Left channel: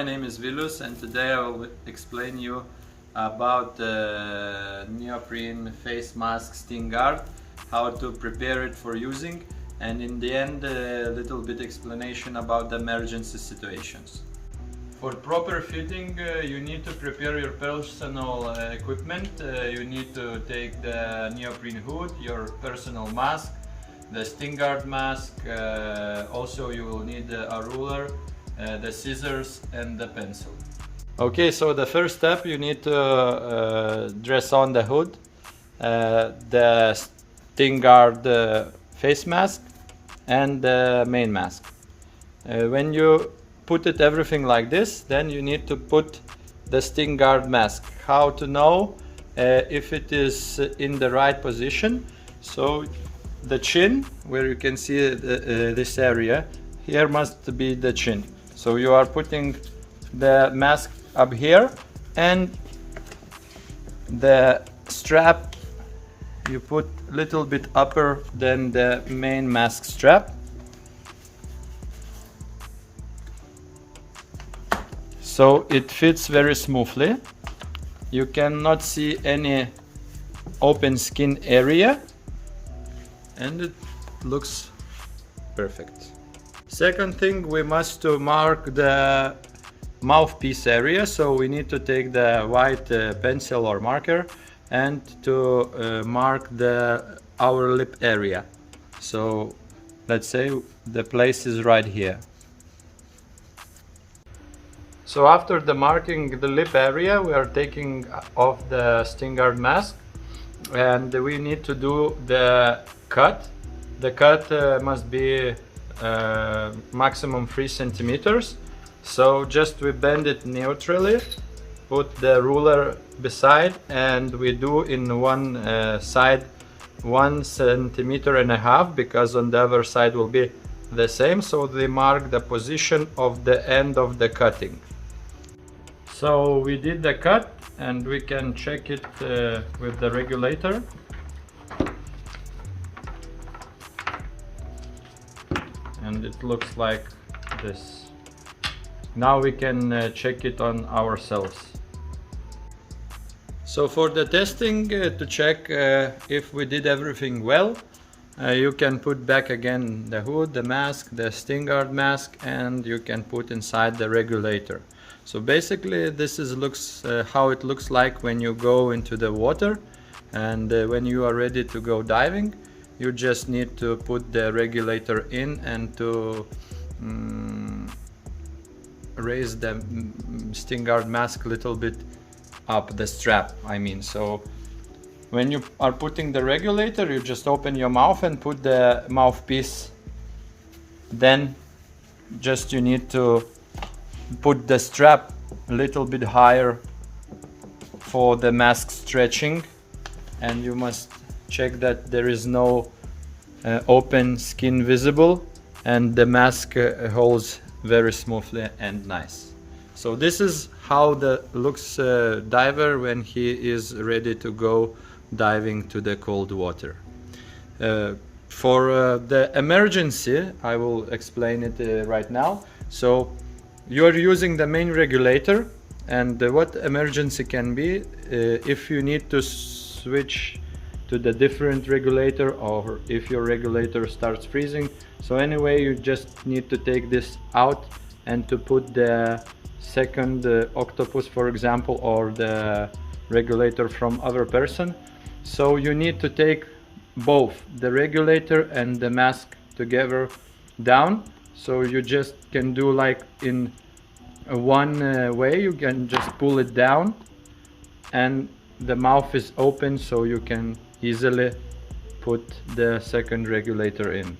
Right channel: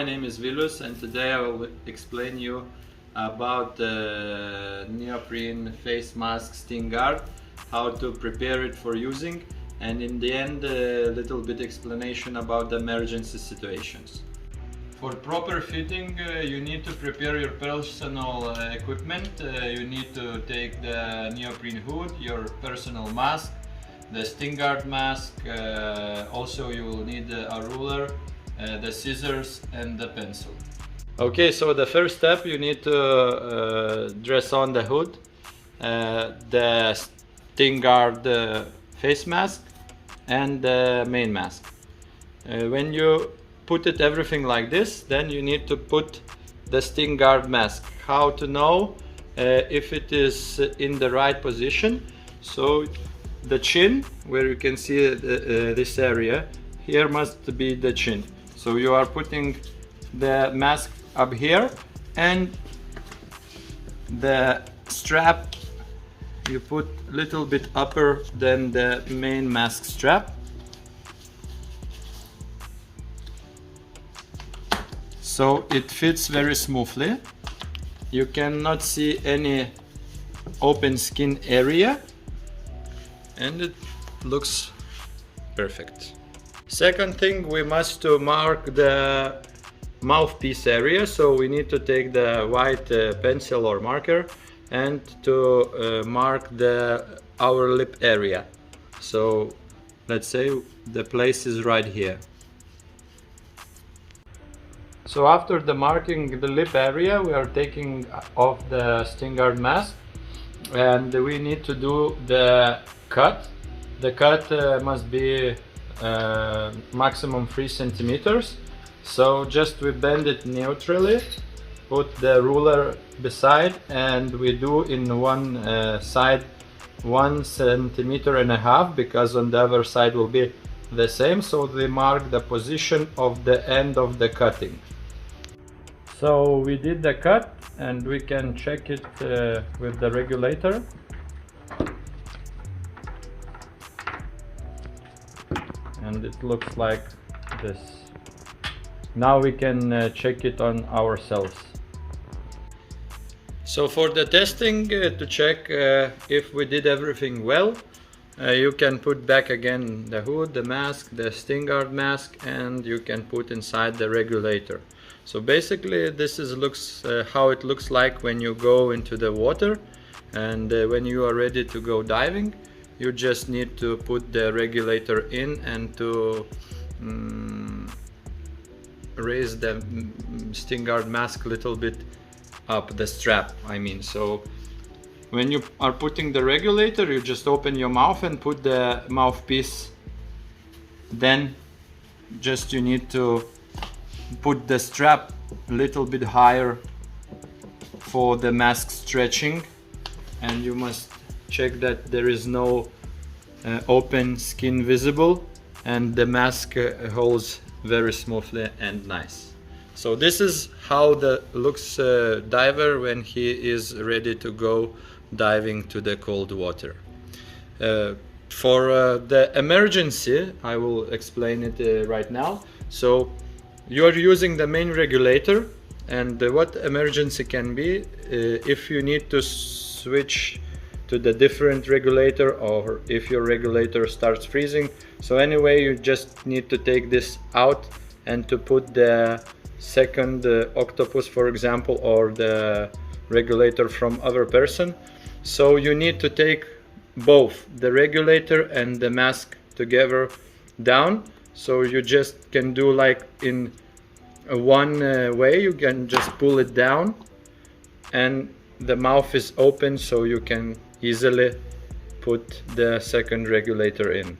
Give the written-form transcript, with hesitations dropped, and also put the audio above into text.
my name is Vilus and today I will explain you about the neoprene face mask StingGuard, how to prepare it for using, and in the end a little bit explanation about the emergency situations. For proper fitting you need to prepare your personal equipment. You need to take the neoprene hood, your personal mask, the StingGuard mask, also you will need a ruler, the scissors and the pencil. Okay, so the first step, you need to dress on the hood, the StingGuard face mask and the main mask. When you put it everything like this, then you need to put the StingGuard mask. How to know if it is in the right position? So the chin, where you can see this area, here must be the chin. So you are putting the mask up here, and the strap you put a little bit upper than the main mask strap. So it fits very smoothly. You cannot see any open skin area, and it looks perfect. Second thing, we must mark the mouthpiece area, so we need to take the white pencil or marker and to mark our lip area. So let's say the place is right here. So after the marking the lip area, we are taking off the StingGuard mask and we need to do the cut. The cut must be maximum 3 centimeters. So just we bend it neutrally, put the ruler beside, and we do in one side 1.5 centimeters, because on the other side will be the same. So they mark the position of the end of the cutting. So we did the cut and we can check it with the regulator. And it looks like this. Now we can check it on ourselves. So for the testing, to check if we did everything well, you can put back again the hood, the mask, the StingGuard mask, and you can put inside the regulator. So basically this is how it looks like when you go into the water, and when you are ready to go diving. You just need to put the regulator in and to raise the StingGuard mask a little bit up, the strap I mean. So when you are putting the regulator, you just open your mouth and put the mouthpiece. Then just you need to put the strap a little bit higher for the mask stretching, and you must check that there is no open skin visible, and the mask holds very smoothly and nice. So this is how looks diver when he is ready to go diving to the cold water. For the emergency, I will explain it right now. So you are using the main regulator, and what emergency can be if you need to switch to the different regulator, or if your regulator starts freezing. So anyway, you just need to take this out and to put the second octopus, for example, or the regulator from other person. So you need to take both the regulator and the mask together down. So you just can do like in one way, you can just pull it down and the mouth is open, so you can easily put the second regulator in.